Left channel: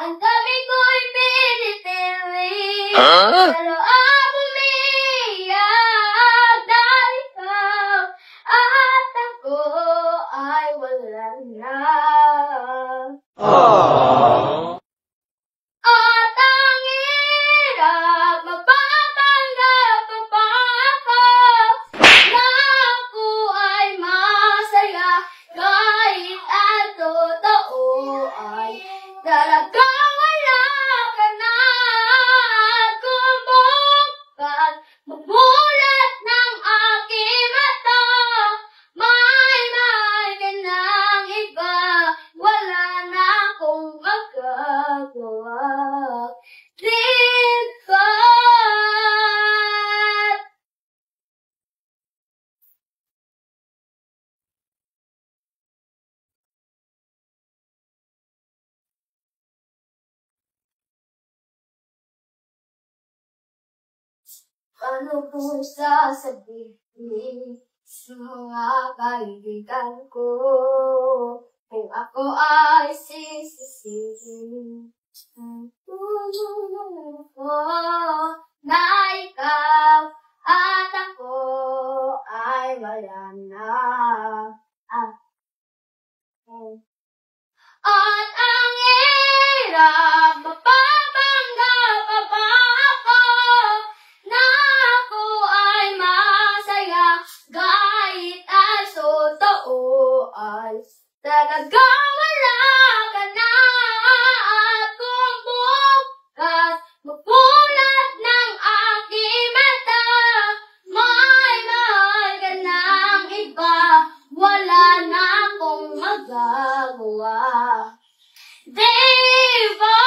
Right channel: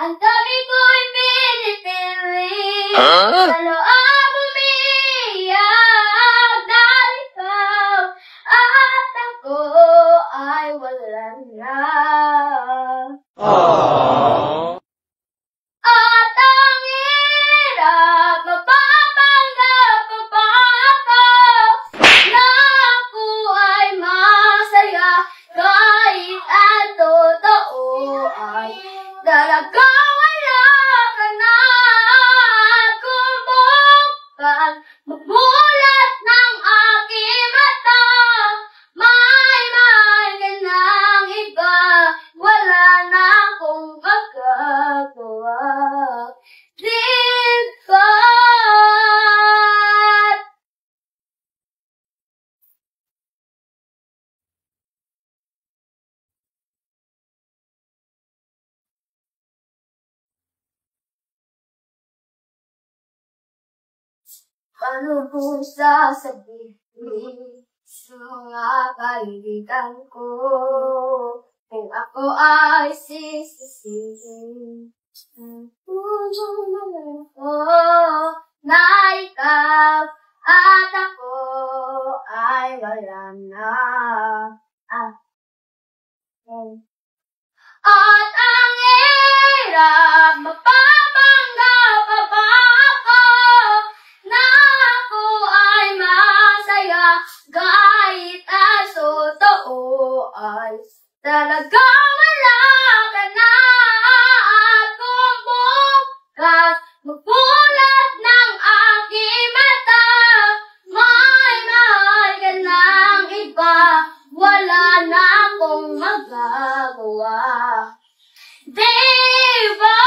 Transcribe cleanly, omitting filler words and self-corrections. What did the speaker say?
Ang tabi ko'y pinipili sa loob umiiyak dahil ikaw at ako ay wala na. At ang hirap mapapanggap pa ako na ako ay masaya kahit ang totoo ay talagang wala ka na. Kung bukas magmulat ng aking mata, may ka ng iba, wala na akong magagawa. Dito ano po sasabihin sa mga kaibigan ko kung ako ay sisisihin? Na ikaw at ako ay wala na. At ang hirap mapapanggap pa ako na ako ay masaya kahit ang totoo ay talagang wala ka na. At kung bukas magmulat ng aking mata, may mahal ka ng iba, wala na akong magagawa. Diba?